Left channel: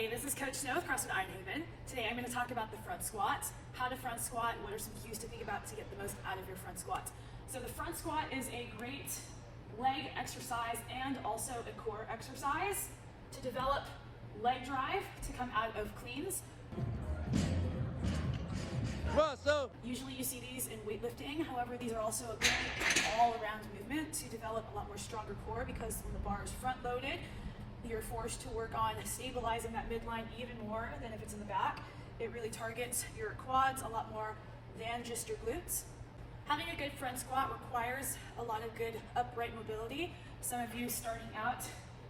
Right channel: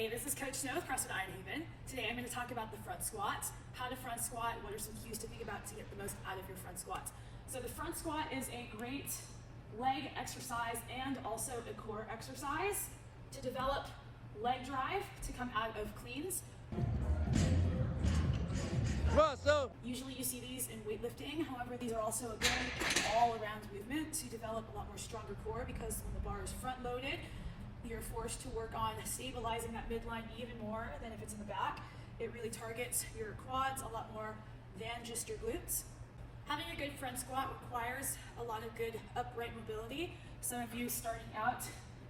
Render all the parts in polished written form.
Hey, this is Coach Snow with CrossFit Iron Haven. Today I'm going to talk about the front squat, how to front squat, what are some cues to think about to get the most out of your front squat. So the front squat is a great leg exercise and also a core exercise to develop leg drive to come out of cleans. Usually you see these in weightlifting, however these are also a good all-around movement to develop a lot more stronger core, because when the bar is front-loaded, you're forced to work on stabilizing that midline even more than if it's in the back. It really targets your quads a lot more than just your glutes. Having a good front squat requires a lot of good upright mobility. Some of you starting out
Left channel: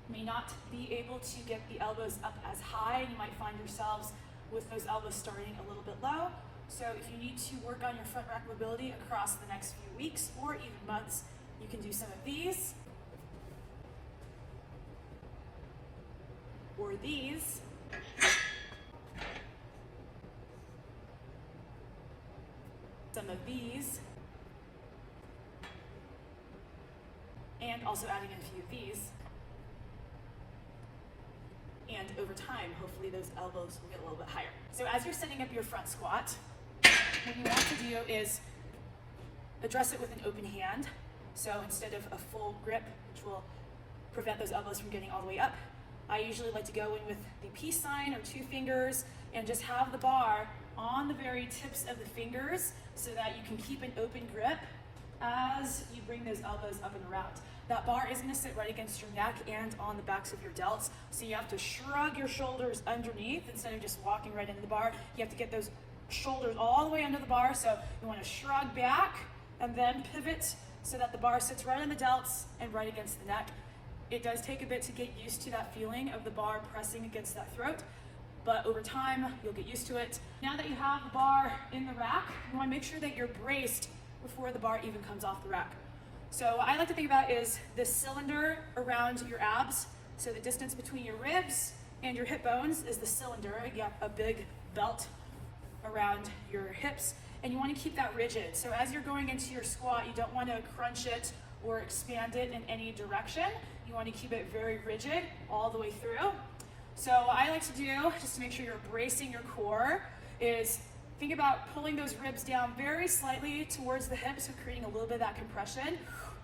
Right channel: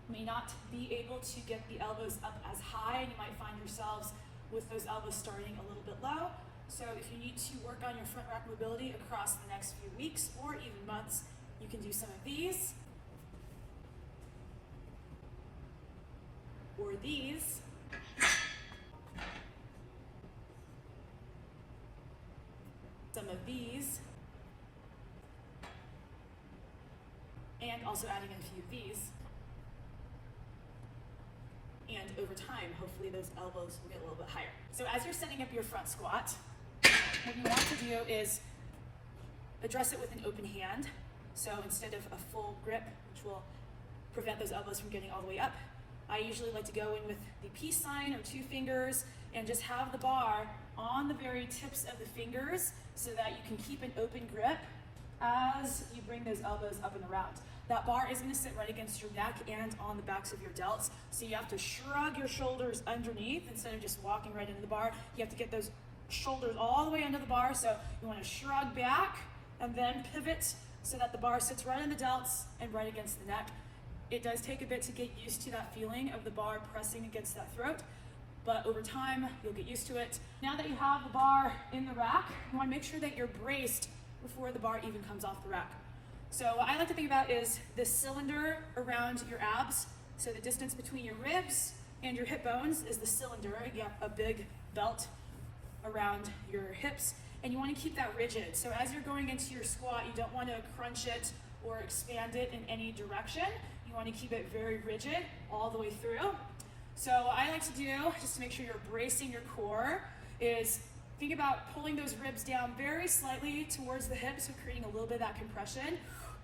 may not be able to get the elbows up as high, and you might find yourselves with those elbows starting a little bit low. So if you need to work on your front rack mobility across the next few weeks or even months, you can do some of these, or these, some of these, and also adding in a few of these. And over time, hopefully those elbows will get a little bit higher. So as you're setting up your front squat, what you want to do is address it with an open hand. So instead of a full grip, which will prevent those elbows from getting all the way up, I usually like to go in with the peace sign or 2 fingers and just have the bar on the very tips of the fingers so that you can keep an open grip as you bring those elbows up and around. That bar is going to sit right against your neck and on the backs of your delts, so you have to shrug your shoulders underneath instead of just walking right into the bar. You have to get those shoulders all the way under the bar, so you want to shrug back and then pivot so that the bar sits right on the delts and right against the neck. It does take a bit to get used to that feeling of the bar pressing against that throat, but over time you'll get used to it. Now that you have the bar in the rack, you want to make sure that you're braced before the bar even comes off the rack. So what I like to think about is the cylinder around your abs. So the distance between your ribs and your hip bones is the cylinder. You have a big belt around your hips, and you want to keep that rigid. So as you're going into your squat, you don't want to crunch it or expand it in any direction. You want to keep it very rigid all the way through. So what I like to do, just to make sure you're bracing your core, is think about pulling those ribs down very slightly towards the hips, so creating a little bit of that compression.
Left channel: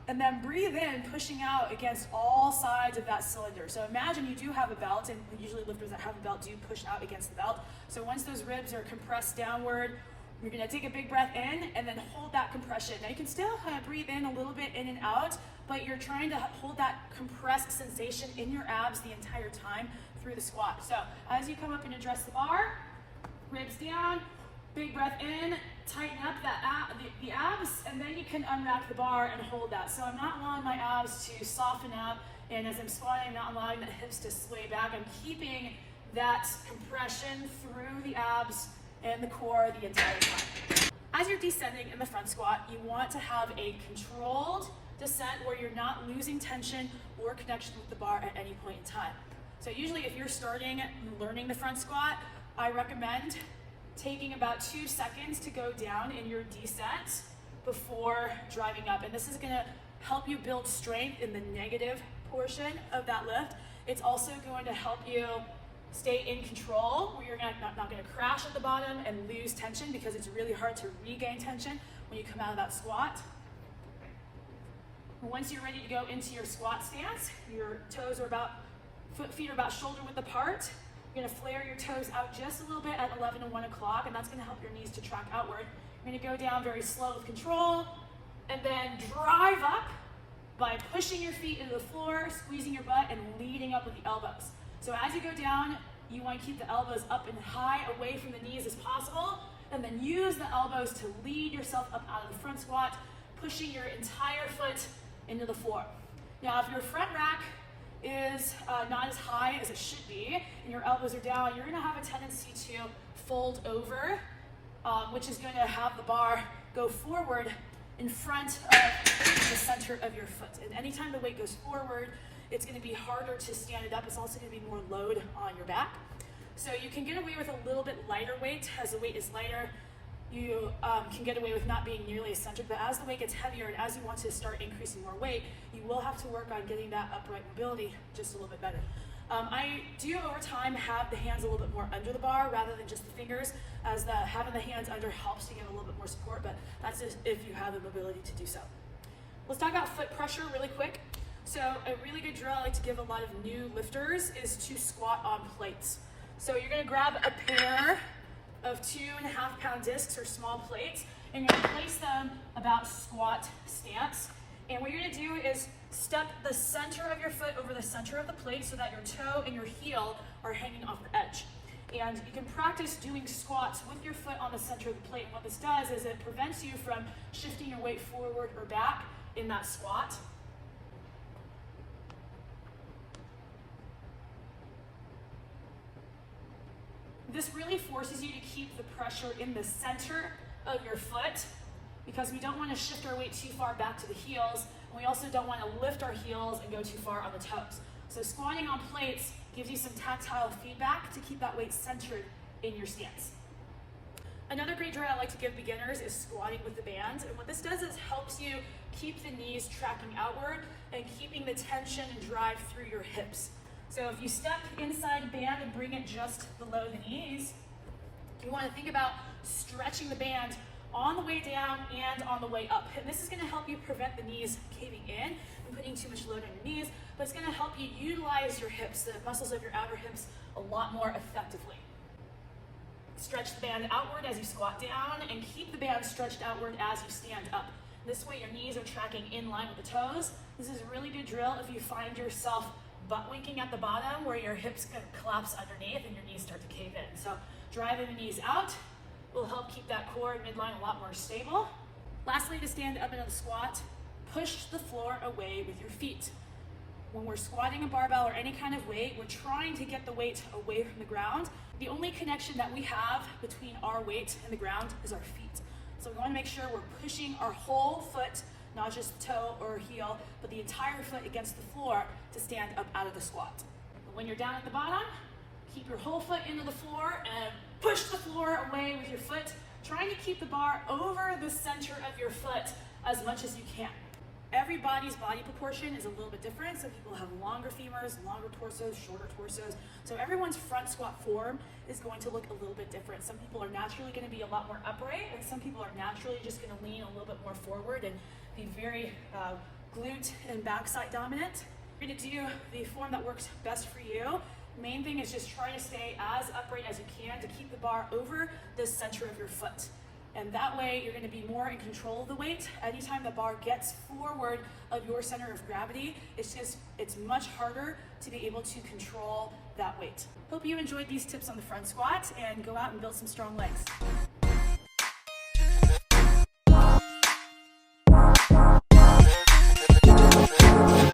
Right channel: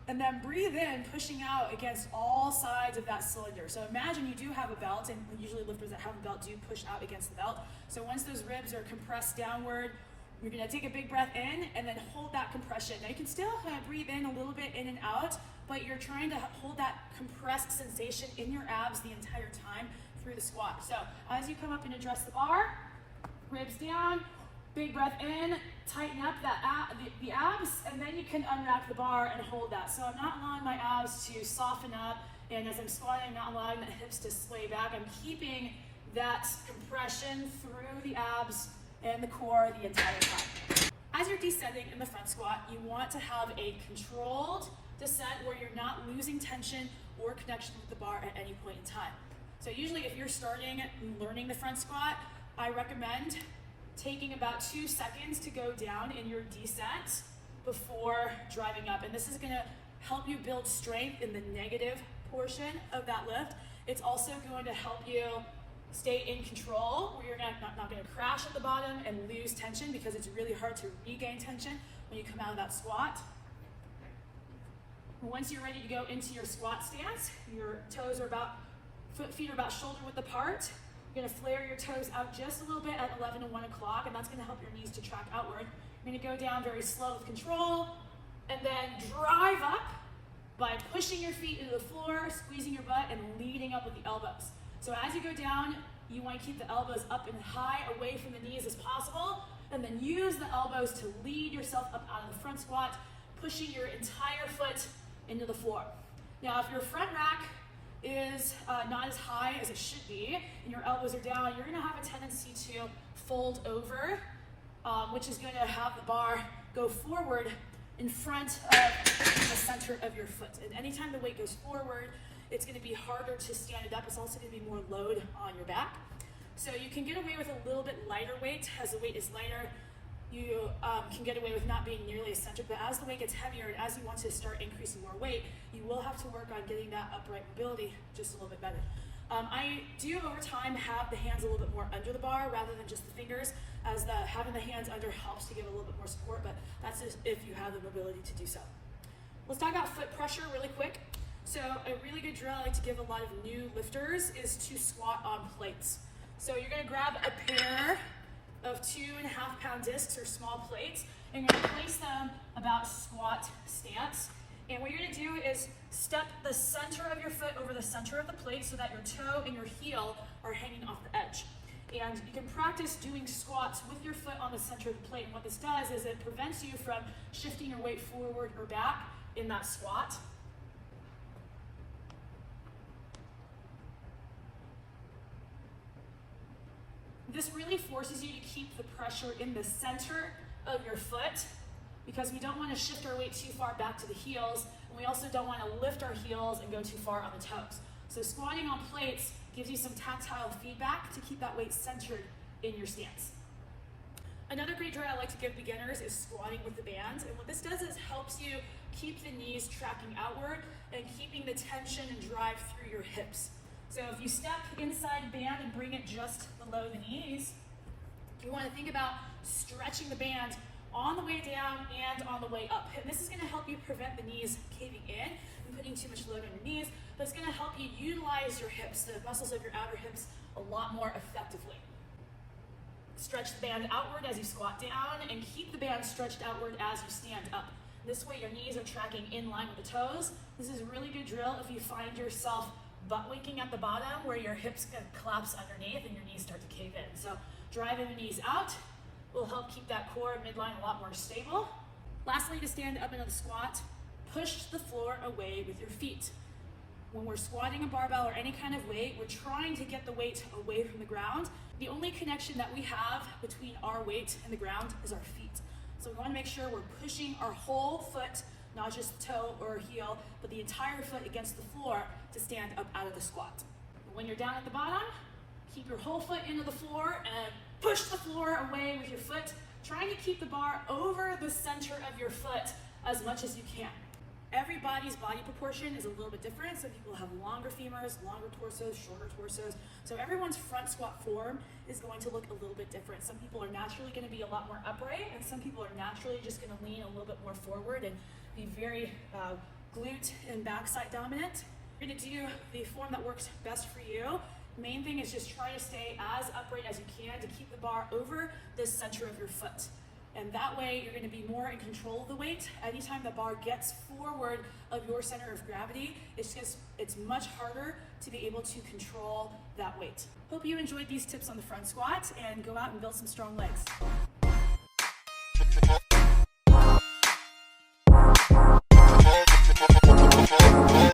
And then breathe in, pushing out against all sides of that cylinder. So imagine you do have a belt, and usually lifters that have a belt do push out against the belt. So once those ribs are compressed downward, you're gonna take a big breath in and then hold that compression. Now you can still breathe in a little bit in and out, but you're trying to hold that compressed sensation in your abs the entire time through the squat. So as you come up and address the bar, ribs down, big breath in, tighten up the abs, and then you can unwrap the bar and hold that. So I'm not allowing my abs to soften up, and as I'm squatting, I'm not allowing the hips to sway back. I'm keeping that compression through the abs and the core the entire time. As you're descending in the front squat, you want to have a controlled descent where you're not losing tension or connection with the bar at any point in time. So usually if you're starting learning the front squat, I recommend taking about 2 seconds to go down in your descent before driving up. And this is gonna help you build strength in the negative portion of that lift. It's also going to help you stay in control, where you're not gonna crash at the bottom and lose tension, because it's really hard to regain tension when you come out of that squat. Once you're ready to go into your squat stance, your toes are feet are about shoulder width apart. You're gonna flare your toes out just a little bit at 11 and 1 o'clock, and that's gonna help your knees to track outward. You're gonna go down very slow with control, and then drive up by pushing your feet into the floor, squeezing your butt, and leading up with the elbows. So as you go down, you want to keep the elbows up and high away from the knees as possible, and then use the elbows to lead yourself up out of the front squat, pushing your entire foot into the floor. Now, if your front rack is not as high as it should be, and your elbows are down, you're going to have a tendency to fold over, which is going to have the bar go forward in front of the center of your foot. And anytime the weight goes forward, it's going to be harder to stand it up. It's also going to be more load on your back. So you can get away with a little bit lighter weight. As the weight is lighter, you can get away with not being nearly as centered, but as the weight gets heavier and as you want to start increasing more weight, you will have to work on getting that upright mobility just a little bit better. I do over time have the hands a little bit more under the bar rather than just the fingers, as having the hands under helps to give a little bit more support, but that's just if you have the mobility to do so. Let's talk about foot pressure really quick. So a really good drill I like to give a lot of new lifters is to squat on plates. So you're gonna grab a pair of 2.5 pound discs or small plates, and you're gonna place them about squat stance. And what you're gonna do is step the center of your foot over the center of the plate so that your toe and your heel are hanging off the edge. And you can practice doing squats with your foot on the center of the plate. And what this does is it prevents you from shifting your weight forward or back in that squat. This really forces you to keep the pressure in the center of your foot, because we don't want to shift our weight too far back to the heels, and we also don't want to lift our heels and go too far on the toes. So squatting on plates gives you some tactile feedback to keep that weight centered in your stance. Another great drill I like to give beginners is squatting with the band, and what this does is helps you keep the knees tracking outward and keeping the tension and drive through your hips. So if you step inside the band and bring it just below the knees, you want to think about stretching the band on the way down and on the way up. And this is going to help you prevent the knees caving in and putting too much load on your knees, but it's going to help you utilize your hips, the muscles of your outer hips, a lot more effectively. Stretch the band outward as you squat down, and keep the band stretched outward as you stand up. This way your knees are tracking in line with the toes. This is a really good drill if you find yourself butt winking at the bottom where your hips can collapse underneath and your knees start to cave in. So driving the knees out will help keep that core and midline a lot more stable. Lastly, to stand up in a squat, push the floor away with your feet. When we're squatting a barbell or any kind of weight, we're trying to get the weight away from the ground. The only connection that we have between our weight and the ground is our feet. So we want to make sure we're pushing our whole foot, not just the toe or heel, but the entire foot against the floor to stand up out of the squat. When you're down at the bottom, keep your whole foot into the floor and push the floor away with your foot, trying to keep the bar over the center of your foot as much as you can. Everybody's body proportion is a little bit different. Some people have longer femurs, longer torsos, shorter torsos. So everyone's front squat form is going to look a little bit different. Some people are naturally going to be a lot more upright, and some people are naturally just going to lean a little bit more forward and be very glute and backside dominant. You're going to do the form that works best for you. Main thing is just try to stay as upright as you can to keep the bar over the center of your foot. And that way you're going to be more in control of the weight. Anytime the bar gets forward of your center of gravity, it's much harder to be able to control that weight. Hope you enjoyed these tips on the front squat, and go out and build some strong legs.